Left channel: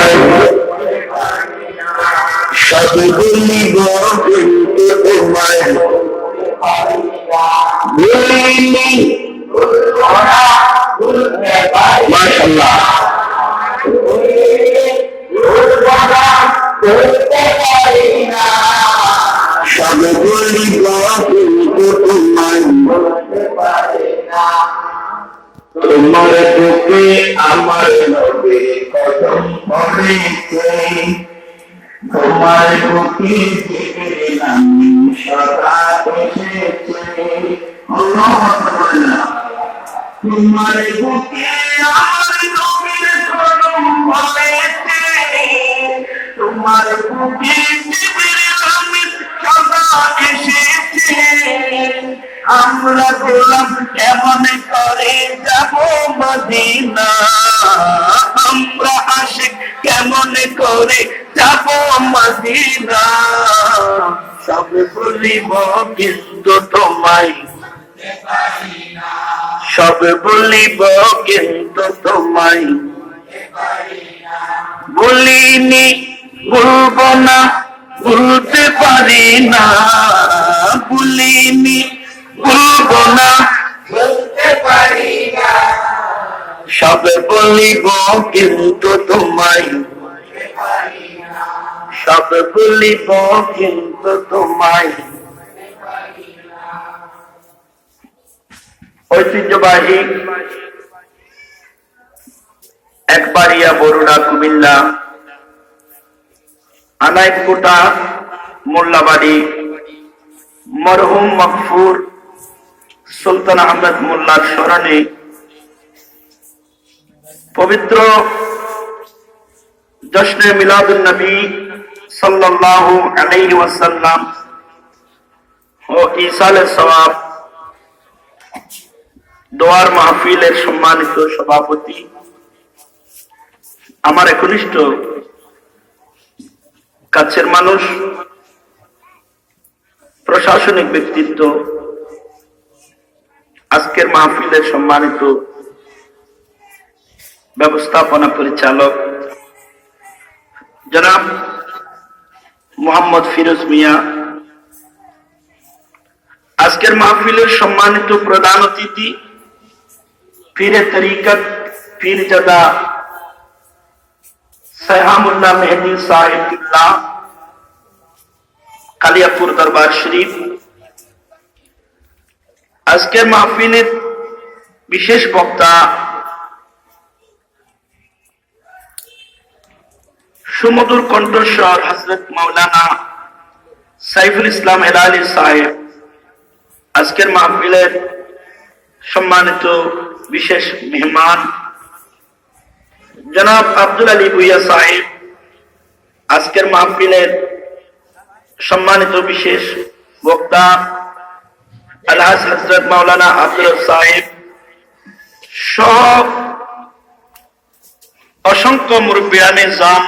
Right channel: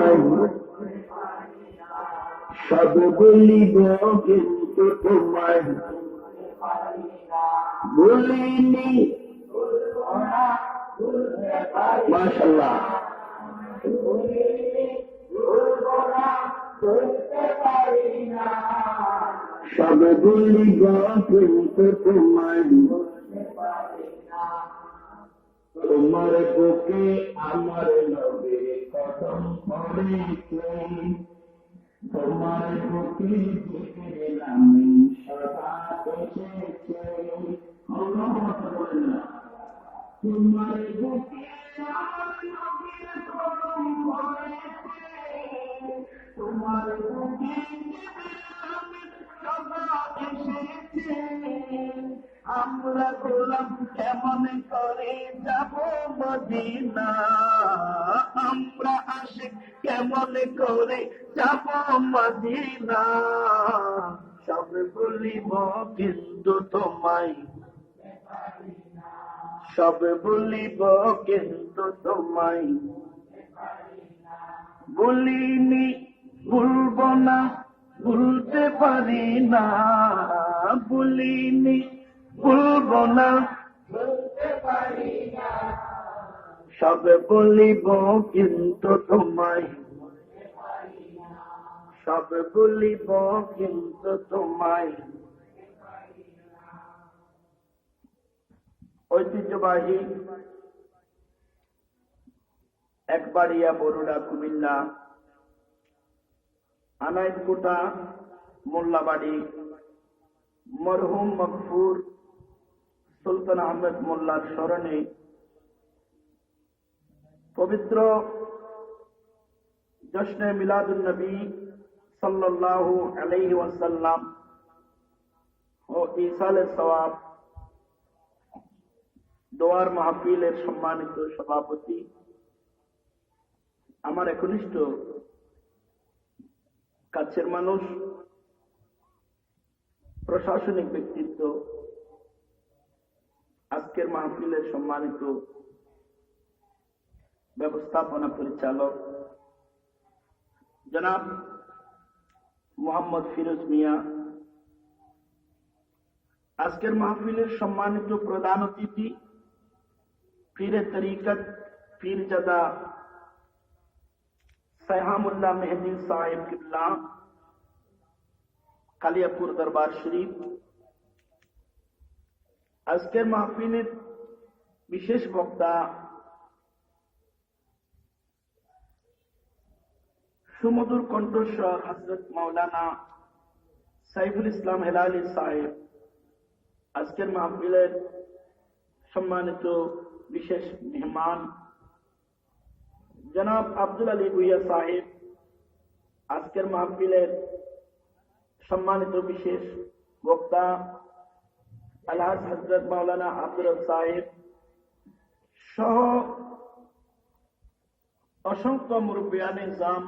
তোমায় সব ভুলিব কিন্তু তোমায় ভুলিনি মাশাআল্লাহ সব ভুলিব কিন্তু তোমায় তোমার বুকে আমার নবী কদম পড়েছে তোমার বুকে জিবরিল আমিন সদা এসেছে তোমার বুকে আমার নবীর কদম পড়েছে তোমার বুকে জিবরিল আমিন সদা এসেছে আমরা গোলাম কেমন করে যাব মদিনা আমরা আশিক কেমন করে যাব মদিনা সব ভুলিব কিন্তু তোমায় সব ভুলিব কিন্তু তোমায় ভুলিনি ভুলব না ভুলতে পারি না ভুলিনি ভুলব না বলতে পারি না সব বলিব কিন্তু তোমায় সব বলিব কিন্তু তোমায় ঐতিহ্যবাহী একবাড়িয়া বরুড়া কুমিল্লা আনাইকোটা মোল্লাবাড়ি মরহুম মকফুর সুলতান আহমেদ মোল্লার স্মরণে পবিত্র জশ্নে মিলাদুন নবী সাল্লাল্লাহু আলাইহি ওয়াসাল্লাম ও ইসালে সওয়াব দোয়ার মাহফিলের সম্মানিত সভাপতি আমার একনিষ্ঠ কাছের মানুষ প্রশাসনিক ব্যক্তিত্ব আজকের মাহফিলের সম্মানিত ব্যবস্থাপনা পরিচালক জনাব মোহাম্মদ ফিরোজ মিয়া আজকের মাহফিলের সম্মানিত প্রধান অতিথি পীরে তরিকত পীরজাদা সাইহামুল্লাহ মেহেদী সাহেবুল্লাহ কালিয়াপুর দরবার শরীফ আজকের মাহফিলের বিশেষ বক্তা সুমধুর কণ্ঠস্বর হযরত মাওলানা সাইফুল ইসলাম হেলালি সাহেব আজকের মাহফিলের সম্মানিত বিশেষ মেহমান জনাব আব্দুল আলী ভুইয়া সাহেব আজকের মাহফিলের সম্মানিত বিশেষ বক্তা আলহাজ হযরত মাওলানা আব্দুল সাহেব সহ অসংখ্য মুরব্বিয়ানে জাম